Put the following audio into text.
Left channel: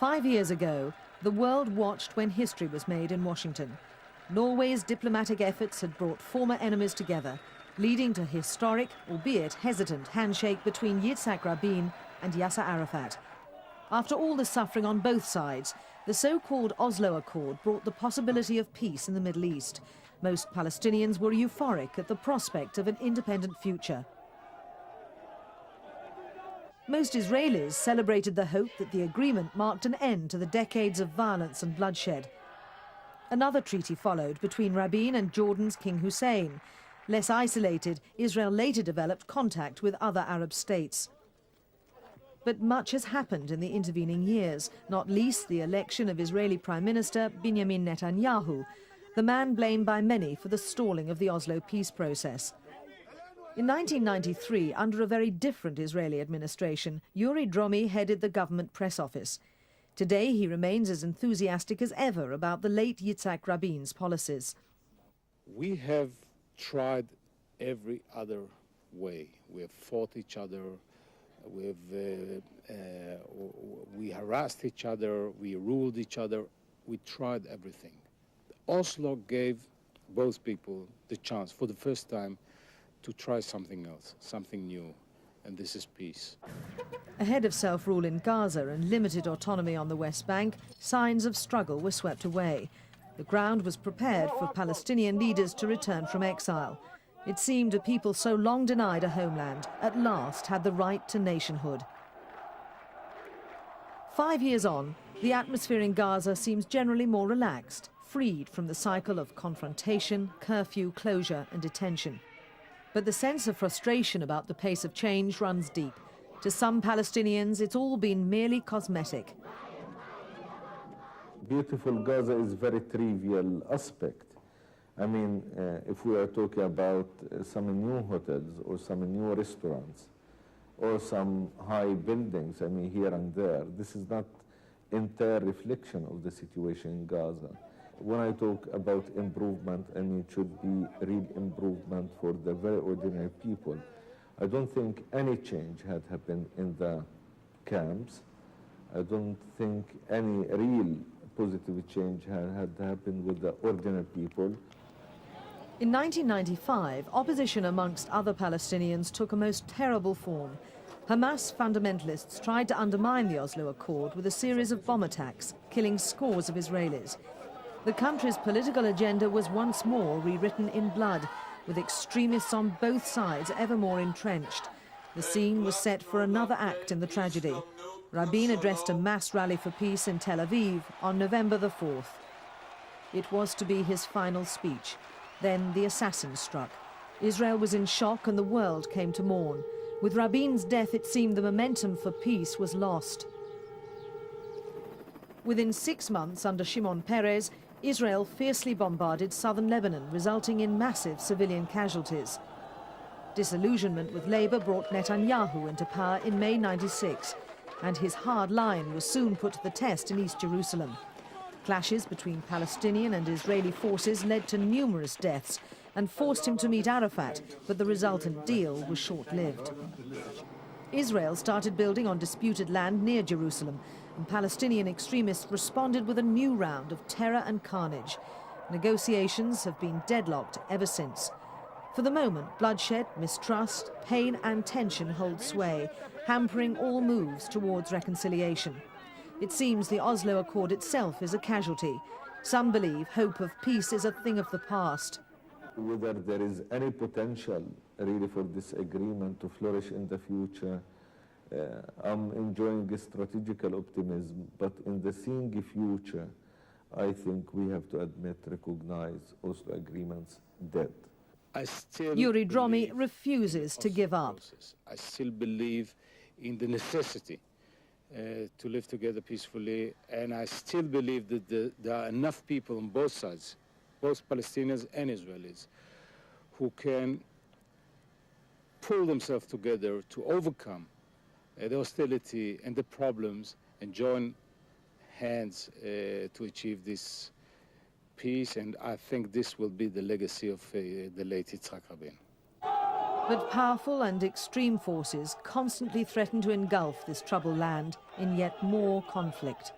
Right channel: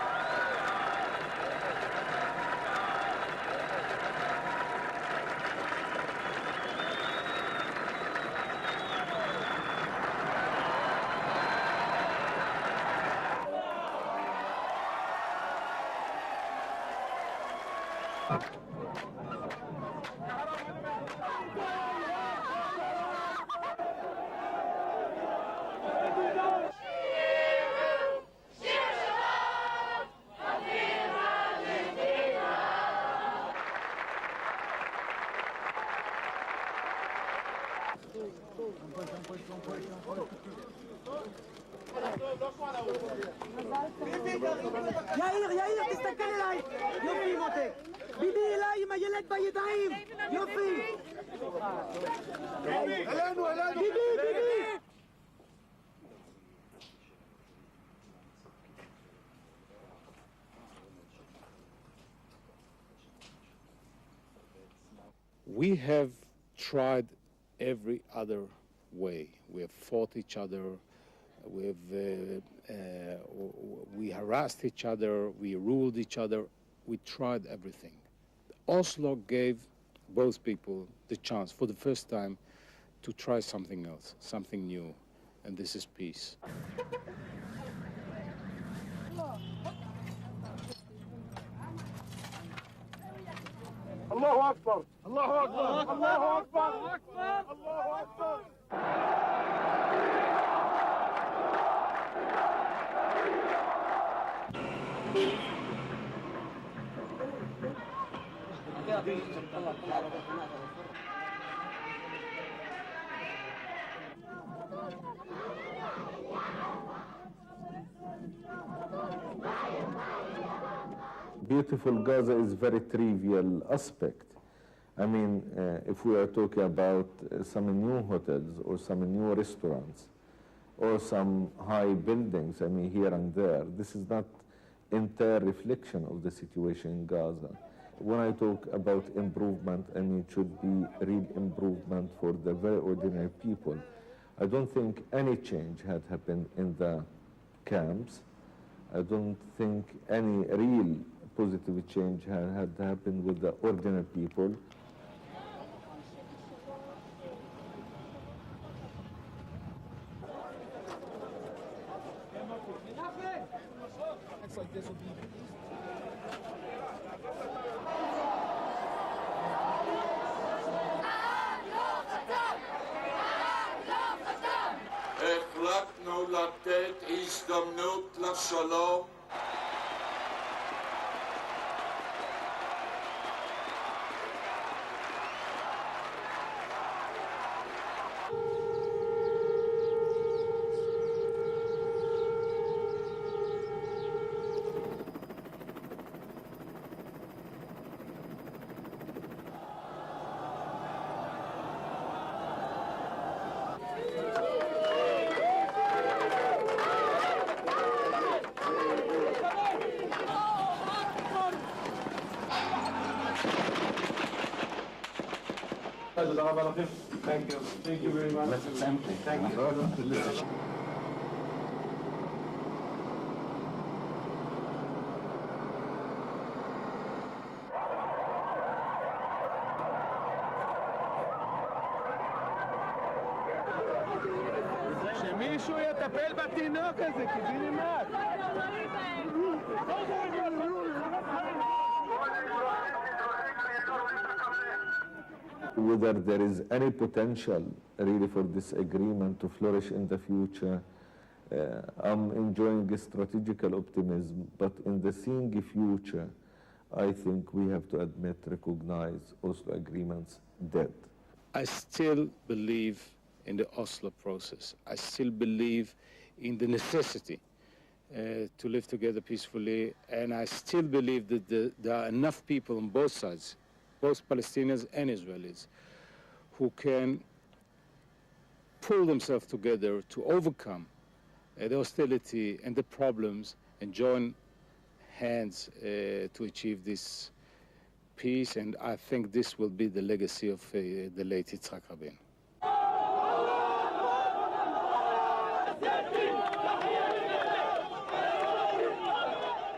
5 years ago, the world watched when history was made in Washington. Norway's diplomatic efforts had brought former enemies together, leading to a historic, albeit hesitant, handshake between Yitzhak Rabin and Yasser Arafat. After all the suffering on both sides, the so-called Oslo Accord brought the possibility of peace in the Middle East. Most Palestinians were euphoric at the prospect of an independent future. Most Israelis celebrated the hope that the agreement marked an end to the decades of violence and bloodshed. Another treaty followed between Rabin and Jordan's King Hussein. Less isolated, Israel later developed contact with other Arab states. But much has happened in the intervening years, not least the election of Israeli Prime Minister Binyamin Netanyahu, the man blamed by many for the stalling of the Oslo peace process. In 1993, under a very different Israeli administration, Yuri Dromi headed the government press office. Today, he remains as enthusiastic as ever about the late Yitzhak Rabin's policies. We have tried every other way. We have fought each other. We harassed each other, we ruled each other, we tried everything. Oslo gave both people the chance for the first time to try something else, something new, and this is peace. Ahead of self-rule in Gaza and limited autonomy on the West Bank, signs of struggle were swept away. The ground was prepared for Palestinian leaders to return from exile. It seemed a people so long denied a homeland at last had the right to nationhood. 5 years on, the atmosphere in Gaza seems generally more relaxed, freed from the cycle of confrontation, curfew, closure and detention. But the sense of frustration about the pace of change runs deep. To some Palestinians, it's all been merely cosmetic. Beautiful Gaza is a very trivial aspect. I mean, if we are talking about some new hotels or some new restaurants or some high buildings, I mean, here and there, this is not entire reflection of the situation in Gaza. When I talk about improvement, I mean, it should be real improvement for the very ordinary people. I don't think any change had happened in the camps. I don't think any real positive change had happened with the ordinary people. In 1995, opposition amongst other Palestinians took a most terrible form. Hamas fundamentalists tried to undermine the Oslo Accord with a series of bomb attacks, killing scores of Israelis. The country's political agenda was once more rewritten in blood, with extremists on both sides ever more entrenched. The scene was set for another act in the tragedy. Rabin addressed a mass rally for peace in Tel Aviv on November the 4th. It was to be his final speech. Then the assassin struck. Israel was in shock and the world came to mourn. With Rabin's death, it seemed the momentum for peace was lost. Within 6 months, under Shimon Peres, Israel fiercely bombarded southern Lebanon, resulting in massive civilian casualties. Disillusionment with Labour brought Netanyahu into power in May '96, and his hard line was soon put to the test in East Jerusalem. Clashes between Palestinian and Israeli forces led to numerous deaths and forced him to meet Arafat, but the resultant deal was short-lived. Israel started building on disputed land near Jerusalem, and Palestinian extremists responded with a new round of terror and carnage. Negotiations have been deadlocked ever since. For the moment, bloodshed, mistrust, pain and tension hold sway, hampering all moves towards reconciliation. It seems the Oslo Accord itself is a casualty. Some believe hope of peace is a thing of the past. Whether there is any potential really for this agreement to flourish in the future, I'm enjoying a strategical optimism, but in the seeing future, I think we have to admit, recognize Oslo agreements dead. I still Yuri Dromi believe refuses in the to give Oslo up. process. I still believe in the necessity to live together peacefully, and I still believe that there are enough people on both sides, both Palestinians and Israelis, who can pull themselves together to overcome the hostility and the problems and join hands to achieve this peace, and I think this will be the legacy of the late Yitzhak Rabin. But powerful and extreme forces constantly threaten to engulf this troubled land in yet more conflict.